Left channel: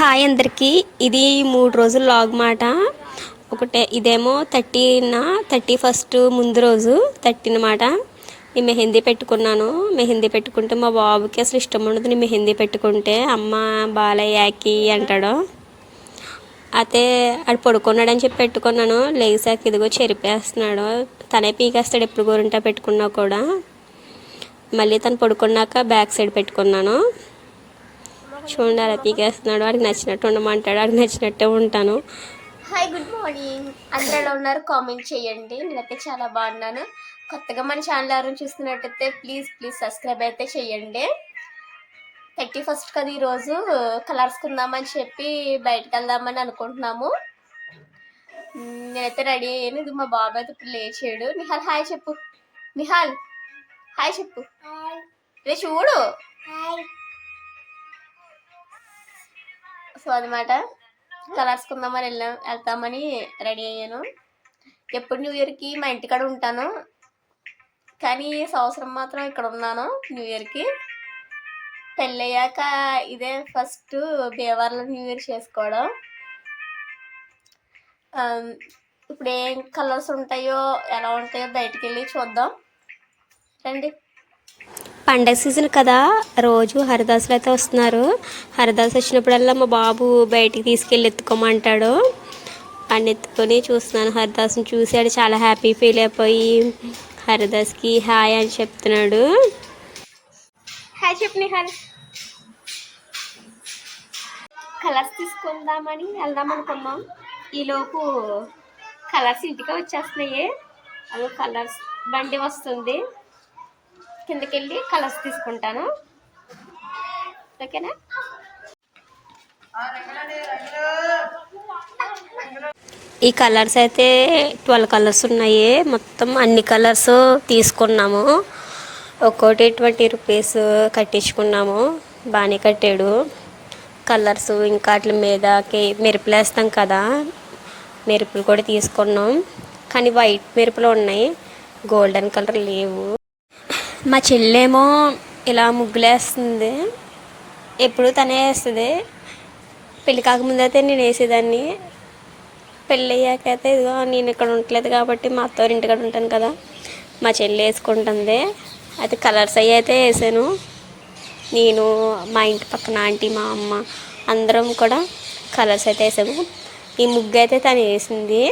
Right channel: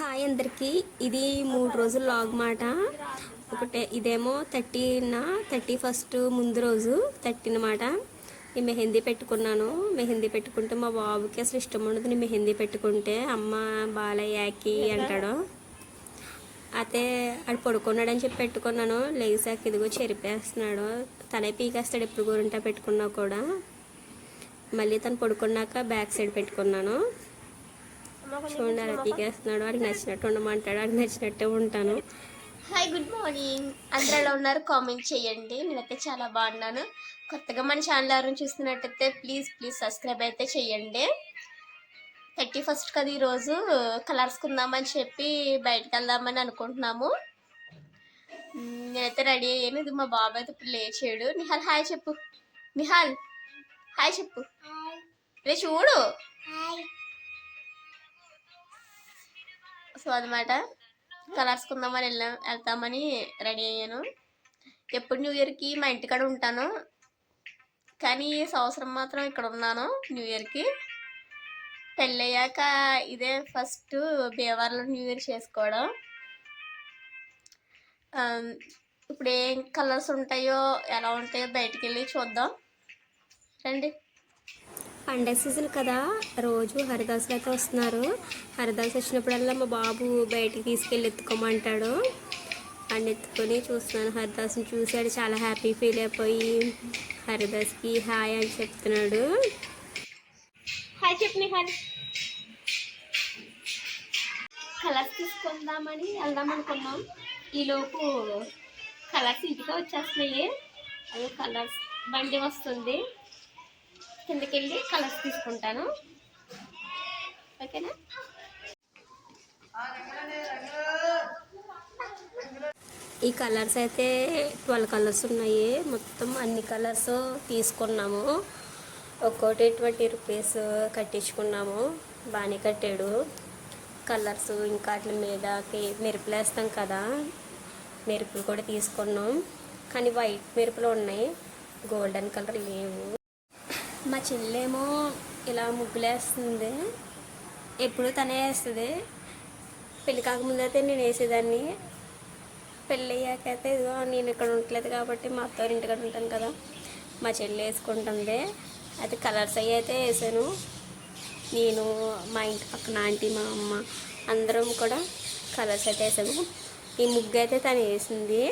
Hi అందరికీ. ఇది 3 రోజుల లాగ్ మాట. ఒకటే ఇదేమో 31 ముందు రోజు 30 మాట. నేను మెహందీ పెట్టుకున్నాను. మెహందీ పెట్టుకుంటే మా బాబుకి అసలు ఇష్టం ఉండదు. నేను మెహందీ పెట్టుకుంటే అమ్మ బాలయ్యాకి అంటాడు. అయితే ఆడు పడుకున్నాడని చెప్పి పెట్టుకున్నాను. లేసాక ఇదిగో చెరిపేస్తున్నాడు. తనే పీకేస్తాడు ఎప్పుడు గోరింటా పెట్టుకున్నా కూడా. మళ్ళీ తను పడుకున్నాక బ్యాక్ సైడ్ పెట్టుకున్నాను. చూడండి అలా పీకేస్తున్నాడు. వాడికి నచ్చినట్టు ఉండమంటాడు. వాడికి నచ్చినట్టే ఉంటాను. Hi, good morning. అందరూ ఉన్నారు, కామెంట్ చేయండి. నేనైతే చాలా బాగున్నాను. కొత్తగా మన ఛానల్ ఎవరైనా చూస్తున్నట్టయితే ప్లీజ్ సబ్స్క్రైబ్ అయితే చేయండి. 31 కదా ఈరోజు. కలర్స్ కొందామని చెప్పి బయటకు వెళ్దామని అనుకుంటున్నాము. నేనైతే రెడీ అయ్యాను. ఇది మా బాబు అయితే ఇప్పుడు లేచాడు. నిహాల్ హాయ్ చెప్పు. నిహాల్ హాయ్ చెప్పు. ఇదే చూడు. సో అనమాట, కలర్స్ కొందామని వెళ్తామని రెడీ అయ్యాను. ఎప్పుడు న్యూ ఇయర్కి మా ఇంటికాడ ఉంటాను, కానీ ఈ సంవత్సరం మాత్రం ఇక్కడ ఉన్నాను న్యూ ఇయర్కి. పెళ్ళయ్యాక ఇదే ఫస్ట్ భీమవరంలో న్యూ ఇయర్ చేసుకోవడం. ఇప్పుడు ఏం కలర్స్ ఉంటాయో ఎలా ఉంటాయో బయటికి వెళ్ళి చూద్దాం రండి. పండగ సీజన్ కదా, రోజు హరిదాసులు అయితే వస్తున్నారు. హరిదాసు వచ్చినప్పుడల్లా మా బాబు బయటికి తీసుకెళ్ళి ఎత్తుకోమంటాడు. వాడిని ఎత్తుకొని చూస్తున్నాను. హరిదాసుని చూసాడు, చాలా హ్యాపీ ఫీల్ అయిపోయి హరిదాస్కి హాయ్ అని చెప్తున్నాడు. హాయ్ చెప్పు నిహాల్. కలర్స్ తీసుకుందామని వెళ్దాం అనుకున్నాం. ఈలోపు కలర్స్ ఇంటికి వచ్చేస్తున్నాయి. అదో కలర్స్ బండి వస్తుంది. కిందకి వెళ్ళి కలర్స్ తీసుకుంటాను, ఓకేనా? ఈ కలర్స్ అయితే 12 కలర్స్ ఉన్నాయి. మొత్తం అన్ని కలర్స్ తీసుకున్నాము. ఒక్కోటి 20 రూపీస్ కట్టించుకున్నాము. బాగానే కట్టాడు. కలర్స్ ఇంకా వాటి మీదకి మెరుపులు వేస్తాం కదా, మెరుపులు కూడా తీసుకున్నాం. కానీ వైట్ మెరుపులు ఉన్నాయి, గోల్డెన్ కలర్ లేవు. మా చెల్లేమో ఇలా ముగ్గులేస్తుంది. ఎప్పుడు తనే వేస్తుంది. పెళ్ళి కాకముందు అయితే నేను వేసేదాన్ని. పెళ్ళి అయ్యాకైతే ఇదిగో నేను ఇక్కడ ఉండట్లేదు కాబట్టి మా అత్తవారి ఇంటికాడ ఉంటాను కదా, మా చెల్లి వేసుకుంటుంది. అయితే కలర్స్ అవి అయితే వేసాను. నేను, మా ఇంటి పక్కన ఆంటీ, మా అమ్మ అందరం కూడా కలర్స్ అయితే వేసాము. ఈ ముగ్గు అయితే తను వేసింది.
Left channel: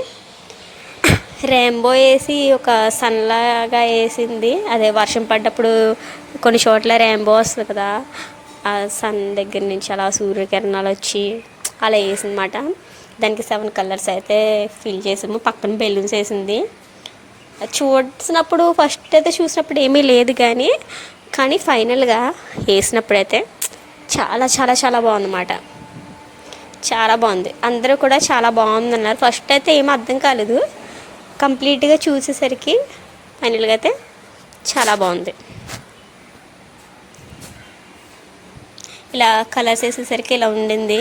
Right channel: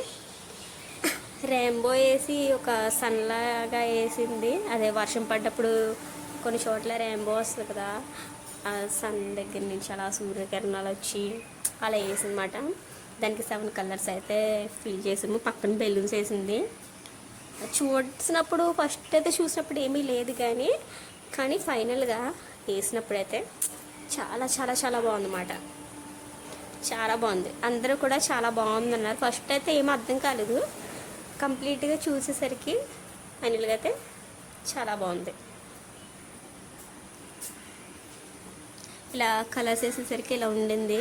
రెయిన్బో వేసి ఒక సన్లాగా వేసింది. అదే వర్షం పడ్డప్పుడు కొన్ని చోట్ల రెయిన్బో వస్తుంది కదా, ఆ సన్ దగ్గర నుంచి అలా సూర్యకిరణాలు వచ్చి అలా వేసిందన్నమాట. దానికి 7 కలర్స్ అయితే ఫిల్ చేసాము. పక్కన బెలూన్స్ వేసింది. చూసినప్పుడు ఫస్ట్ అయితే చూసినప్పుడు ఏమీ లేదు, కానీ ఫైనల్గా వేసినప్పుడైతే చాలా చాలా చాలా బాగుందన్నమాట. చాలా బాగుంది. అందరూ కూడా చాలా బాగుందన్నారు. ఫస్ట్ అయితే ఏమీ అర్థం కాలేదు. కంప్లీట్గా చూసేసరికి ఫైనల్గా అయితే చాలా బాగుంది. ఇలా కలర్స్ వేసేసరికి ఇలా ఉండింది.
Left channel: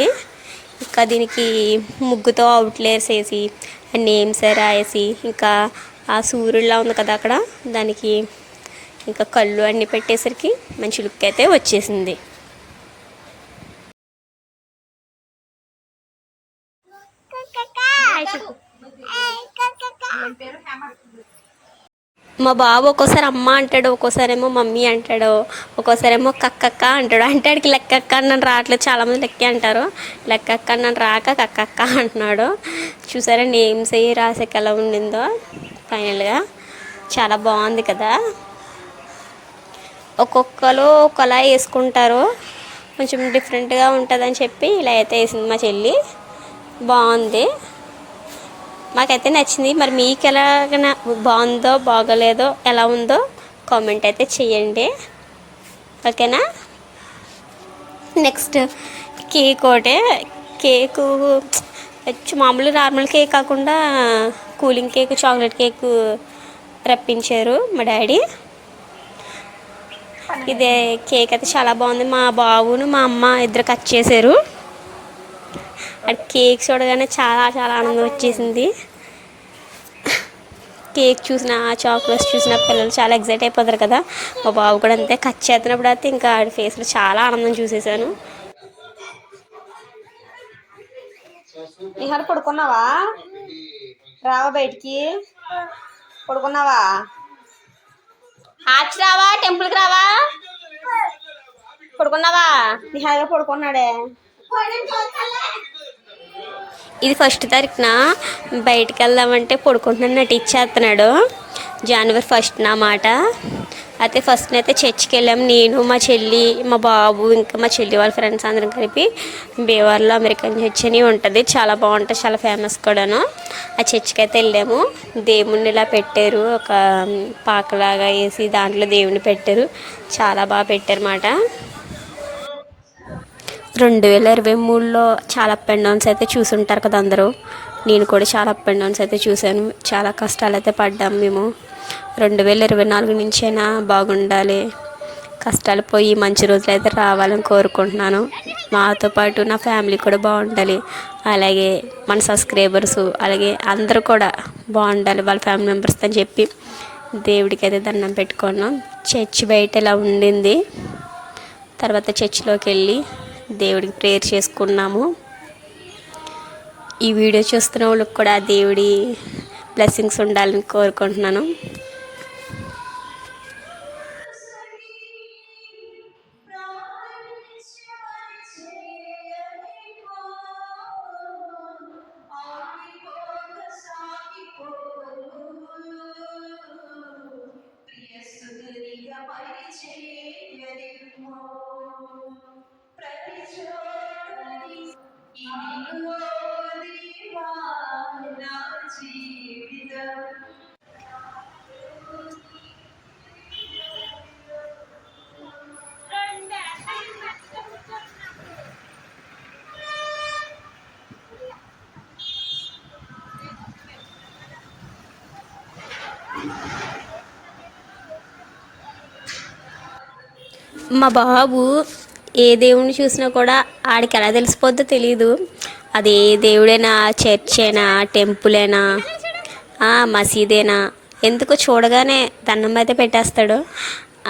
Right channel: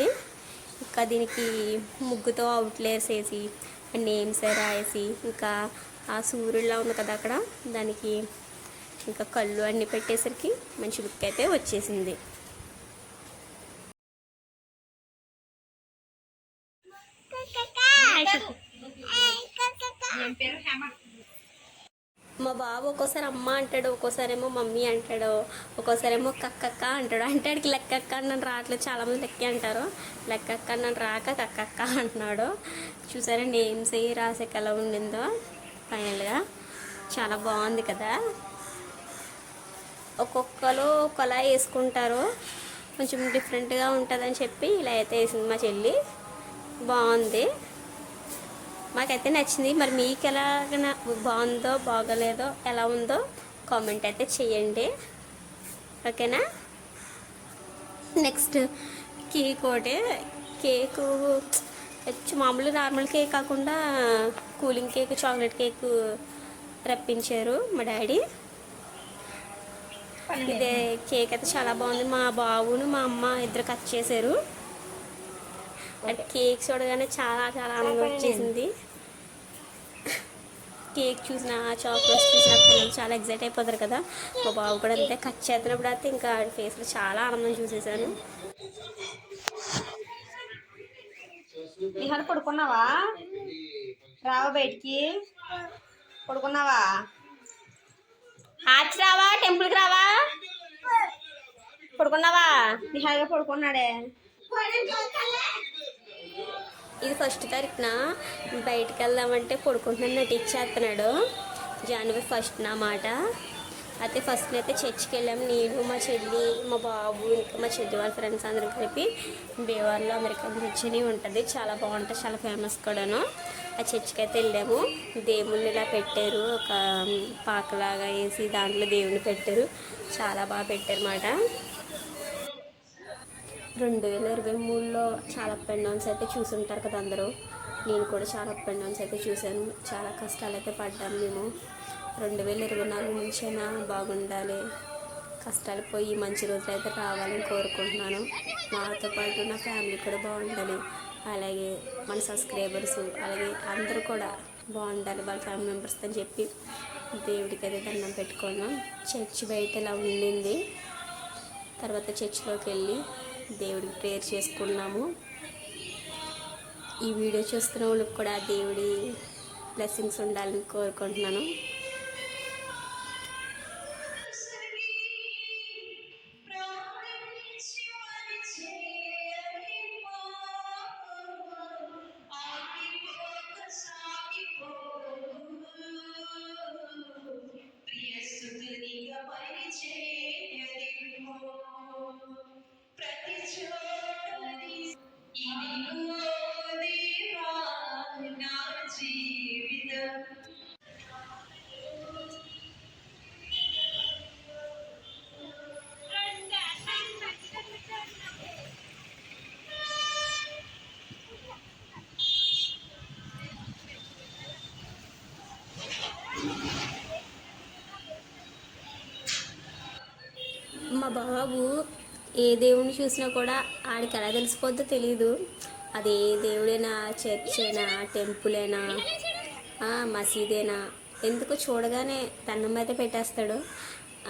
ఇంకా దీనికి ముగ్గుతో అవుట్లేయర్స్ వేసి నేమ్స్ రాసి ఇంకా ఆ సూర్యుడిలా ఉంది కదా అక్కడ, దానికి ఇంకా కళ్ళు అన్నీ పెట్టేసరికి మంచి లుక్ అయితే వచ్చేసింది. మా బాబు ఒక్కోసారి అమ్మ అంటాడు, ఒక్కోసారేమో మమ్మీ అంటాడు, ఒక్కోసారేమో కక్కక్క అంటాడు. అంటే ఆడికి లెక్కక్క నన్ను రావట్లేదు. చాలామంది లెక్క అంటారు. లెక్కక్క నన్ను రాక కక్కక్క అంటున్నాడు. చూసారా నేమ్స్ అయ్యి రాసాక ఎలా ఉండిందో. ఫైనల్గా చాలా బాగుంది కదా. ఒక్కొక్కరు ఒకలా వేసుకుంటారు, కొంచెం డిఫరెంట్గా ఉంటుందని చెప్పి ఇలా అయితే వేసింది మా చెల్లి. బాగుంది, మాకైతే నచ్చింది. మరి మీకు ఎలాగైనా బాగుందో బాగోలేదో ఎలా ఉందో కామెంట్ అయితే చేయండి, ఓకేనా? నెక్స్ట్ కేక్ ఒకటే. కేకు మామూలు నార్మల్ కేక్ కాకుండా కూలింగ్ కేక్, చాక్లెట్ కేక్ రప్పించారు మా డాడీ. ఇదే కేక్ అయితే చాలా బాగుంది. మా బాబును మా అమ్మ ఇద్దరు కట్ చేశారు. అది కేక్ చూడగానే చాలా చాలా ఆనందం వచ్చేసింది. కేక్ చూసిన, చాక్లెట్స్ చూసిన పిల్లలు చాలా ఎగ్జైట్ అయిపోతారు కదా. మా బాబు కూడా అంతే. కట్ చేస్తున్నప్పుడు అయితే ఇంకా ఆడి ఫేస్లో చాలా ఆనందం చూసేసాను. నిహార్ పడుకున్నావా? రావా బయటికి? పడుకున్నావా? ఆచి రావా? టెంపుల్కి రావా? పడుకున్నావా? నిహార్గా పడుకున్నాడే. ఇది ఫస్ట్ తారీఖున బయటికి వెళ్దామంటే పడుకుంటున్నాను నటించేస్తున్నాడు. జనవరి 1 నా మాట. అయితే ఫస్ట్ అయితే చర్చికి వెళ్ళాము, నేను మా చెల్లి మా బాబు ఇంకా మా చెల్లి వాళ్ళ ఫ్రెండ్స్ అందరం కలిపి. బీవార్లో అమెరికన్ చర్చ్ అని ఉంటుంది, చాలా బాగుంటుంది, చాలా ఫేమస్ కూడాను. ఆ చర్చికి అయితే వెళ్ళాము. దేవుణ్ణి ఇలా పెట్టారు, ఒక పాకలాగా వేసి దాంట్లో దేవుని పెట్టారు, చాలా బాగా పెట్టారు అన్నమాట. 2023లో చాలా అప్ అండ్ డౌన్స్ అయితే చూసుంటారు కదా అందరూ. నేను కూడా చాలా అప్ అండ్ డౌన్స్ అయితే చూశాను, చాలా కష్టాలు అయితే పడ్డాం మేము. 2024 నుంచైనా బాగుండాలి, కష్టాలు పోయి మంచి రోజులు అయితే రావాలని కోరుకుంటున్నాను. మాతో పాటు నా ఫ్యామిలీ కూడా బాగుండాలి, అలాగే మన సబ్స్క్రైబర్స్ అలాగే అందరూ కూడా బాగుండాలి వాళ్ళ ఫ్యామిలీ మెంబర్స్ అని చెప్పి దేవుడికి అయితే దండం పెట్టుకున్నాం. చర్చ్ బయట ఇలా ఉండింది. తర్వాత చర్చిలోకి వెళ్ళి దేవుడికి ప్రేయర్ చేసుకున్నాము. ఈ వీడియో చూస్తున్న వాళ్ళకి కూడా దేవుడి బ్లెస్సింగ్స్ ఉండాలని కోరుకుంటున్నాను. మా బాబు ఏ దేవుడిని చూసినా కూడా ఆడికి ఎలా తెలిసిపోద్దో తెలియదు. అది ఏ దేవుడైనా, చర్చ్ అయినా, టెంపుల్ అయినా, మసీదేనా, ఎందుకో చూడగానే దండం అయితే పెట్టేస్తాడు.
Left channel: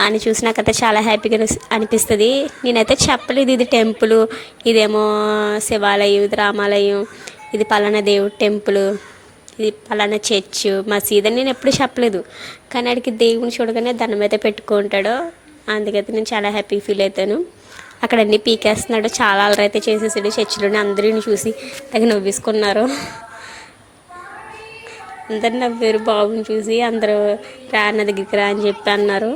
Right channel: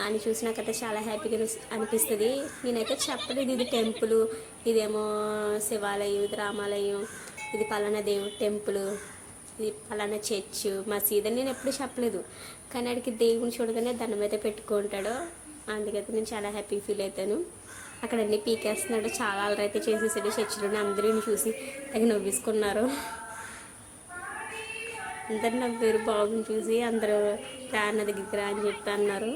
అని చూసి నాకైతే చాలా హ్యాపీగా అనిపిస్తుంది. నేనైతే చెప్పలేదు ఇది టెంపుల్, ఇదేమో శివాలయం, ఇది రామాలయం, ఇది పలానా దేవుడు టెంపుల్, ఇది పలానా చర్చ్, మసీద్ అని నేను ఎప్పుడు చెప్పలేదు. కానీ ఆడికి దేవుని చూడగానే దండం అయితే పెట్టుకుంటాడు. అందుకైతే నేను చాలా హ్యాపీ ఫీల్ అవుతాను. అక్కడ అన్నీ పీకేస్తున్నాడు, చాలా అలరి అయితే చేసేసాడు. చర్చిలోనే అందరిని చూసి తగ్గ నవ్వేసుకున్నారు. అందరు నవ్వారు బాబుని చూసి. అందరూ రా నా దగ్గరికి రా అని చెప్పి అన్నారు.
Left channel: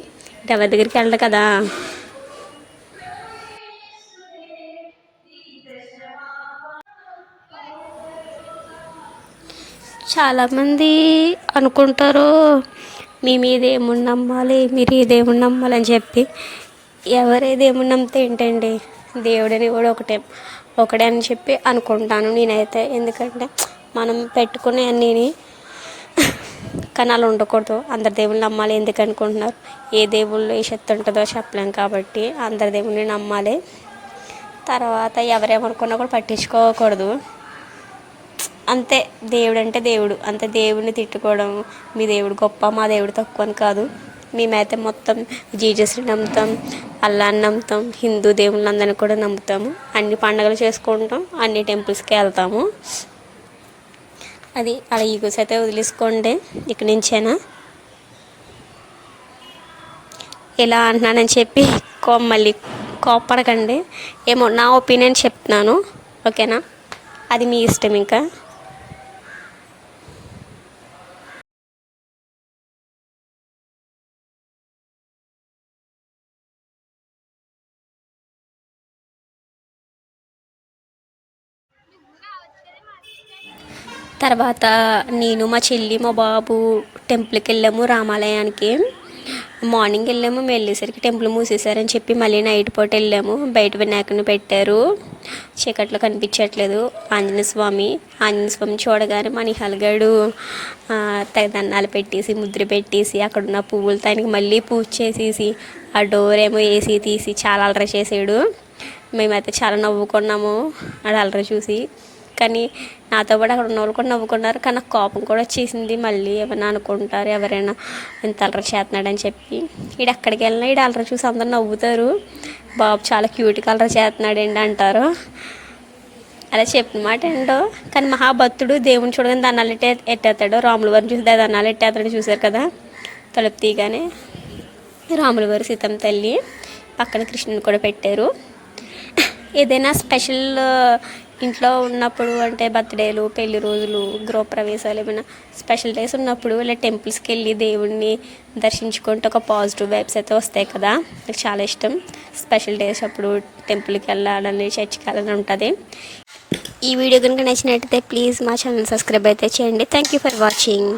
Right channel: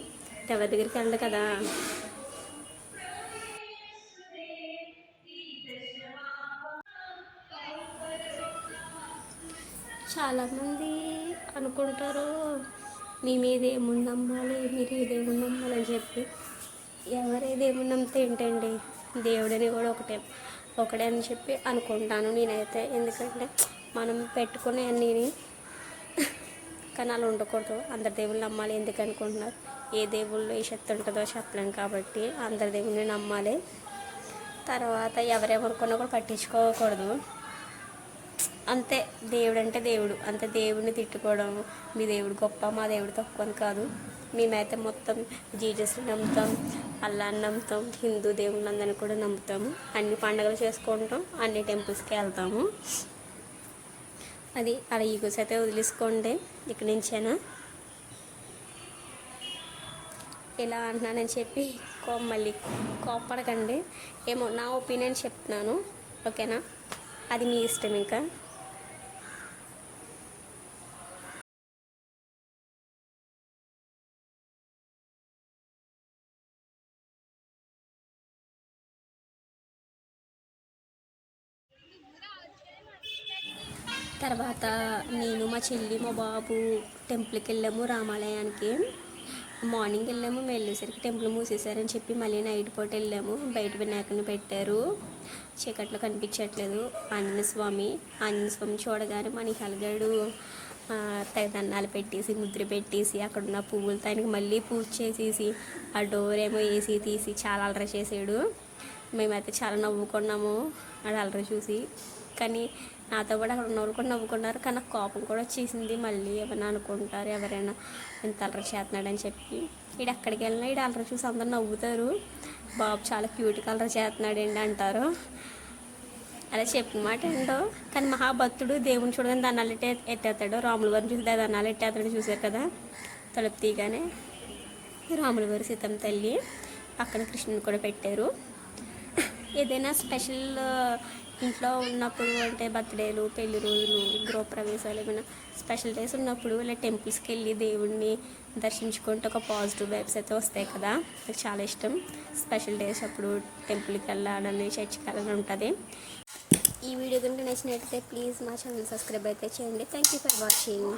ఎవరి దగ్గరికి వెళ్ళడు కదా. చాలామంది అనుకుంటారు మీ మీద ఏముండి నమ్మాలి, మీరు ఈ దేవుని నమ్మాలని చెప్పి. ఎవరే దేవుని నమ్మితే ఏంటండి, దేవుడని కూడా ఒకడే అని చెప్పి అనుకుంటాను నేనైతే. ఎందుకంటే మనం పెట్టుకునే అన్నీ కానీ అలా ఉండకూడదు. అందరి దేవుళ్ళు నమ్మాలి ఎందుకు అనుకుంటున్నారు? ఏ దేవుళ్ళు ఏ శక్తి ఉంటుందో చెప్పలేం కాబట్టి అందరి దేవుళ్ళని నమ్మాలి. తర్వాత ఎవరేమనుకున్నా కూడా పట్టించుకోకూడదు అంతే. దేవుడు అంటే దేవుడు అంతే. దేవుడిని తిట్టుకోవడం మీ దేవుడు గొప్ప మా దేవుడు తక్కువ అని కాదు. మేమైతే మొత్తం జీజస్ని నమ్ముతాం, అల్లాని నమ్ముతాం, హిందూ దేవుళ్ళందరినీ కూడా నమ్ముతాము. అన్ని పండుగలు చేసుకుంటాం, అన్ని టెంపుల్స్కి వెళ్తాము. అది అలా ఈగోస్ అయితే వదిలేసుకోండి ఇక్కడి నుంచైనా. ఇలా అంటున్నానని చెప్పి మళ్ళీ కోప్పడకండి. ఏమో నా ఒపీనియన్ చెప్తున్నాను, ఓకేనా? అది మీ ఇష్టం. ఇంకా తర్వాత నేను మా చెల్లి మా బాబు టెంపుల్కి వెళ్ళాము, రామాలయానికి. మార్నింగ్ వెళ్ళాము, మేము వెళ్ళేసరికి టెంపుల్ మూసేశారని చెప్పి మళ్ళీ నైట్ పూట వెళ్ళాము. బయట వినాయకుని పెట్టారు, చీకట్లో కనిపించట్లేదు. ఆంజనేయ స్వామి చూడగానే మన నిహాల్గాడు దండాలు పెట్టేసి ముద్ర పెట్టేసి అక్కడున్న పువ్వులతో ఆయనకి మళ్ళీ పూజ చేసేసి ఆ డోర్ ఏమో వేసి తీసి చాలా అలరి చేసాడు. మేమైతే చాలా నవ్వుకున్నాము అది అలరి చూసి. కానీ నాతో పాటు అక్కడ ఉన్న వాళ్ళు కూడా నవ్వుకున్నారు. కానీ నాకు కోపం కూడా వచ్చేసింది. మళ్ళీ ఏమైనా అనుకుంటారు ఎవరైనా ఇంత అలరి చేస్తున్నాడని చెప్పి. ఈడు ఎక్కడికి వెళ్ళినా ఈడు అలరి చూసి అందరు నవ్వుతారు. బాబు చాలా క్యూట్గా అలరి చేస్తున్నాడండి అంటారు. అలా చెప్పిన మాట ఏంటో, కానీ మహాభక్తుడు దేవుని చూడగానే దండాలు ఎట్టేస్తాడు. రాముల వారిని చూసి దండాలు ఎట్టేస్తాడు, చూశారు కదా తలుపు తీయగానే. రాముల వారు సీతమ్మ తల్లి పక్కన కృష్ణుని కూడా పెట్టారు. ఏదైనా స్పెషల్ ఇంట్లో ఉన్నప్పుడు అంటే బర్త్డేలు, పెళ్లి రోజులు, గృహప్రవేశాలు ఏమైనా స్పెషల్ డేస్ ఉన్నప్పుడు ఇలా టెంపుల్స్కి వెళ్ళి దేవుణ్ణి దర్శించుకుంటే ఒక పాజిటివ్ వైబ్స్ అయితే వస్తాయి కదా. నాకు చాలా ఇష్టం స్పెషల్ డేస్ అప్పుడు టెంపుల్కి వెళ్ళాలని, చర్చికి వెళ్ళాలని ఉంటుంది. ఈ వీడియో కనుక నచ్చినట్టయితే ప్లీజ్ మా ఛానల్ సబ్స్క్రైబ్ అయితే చేయండి. Thank you for watching.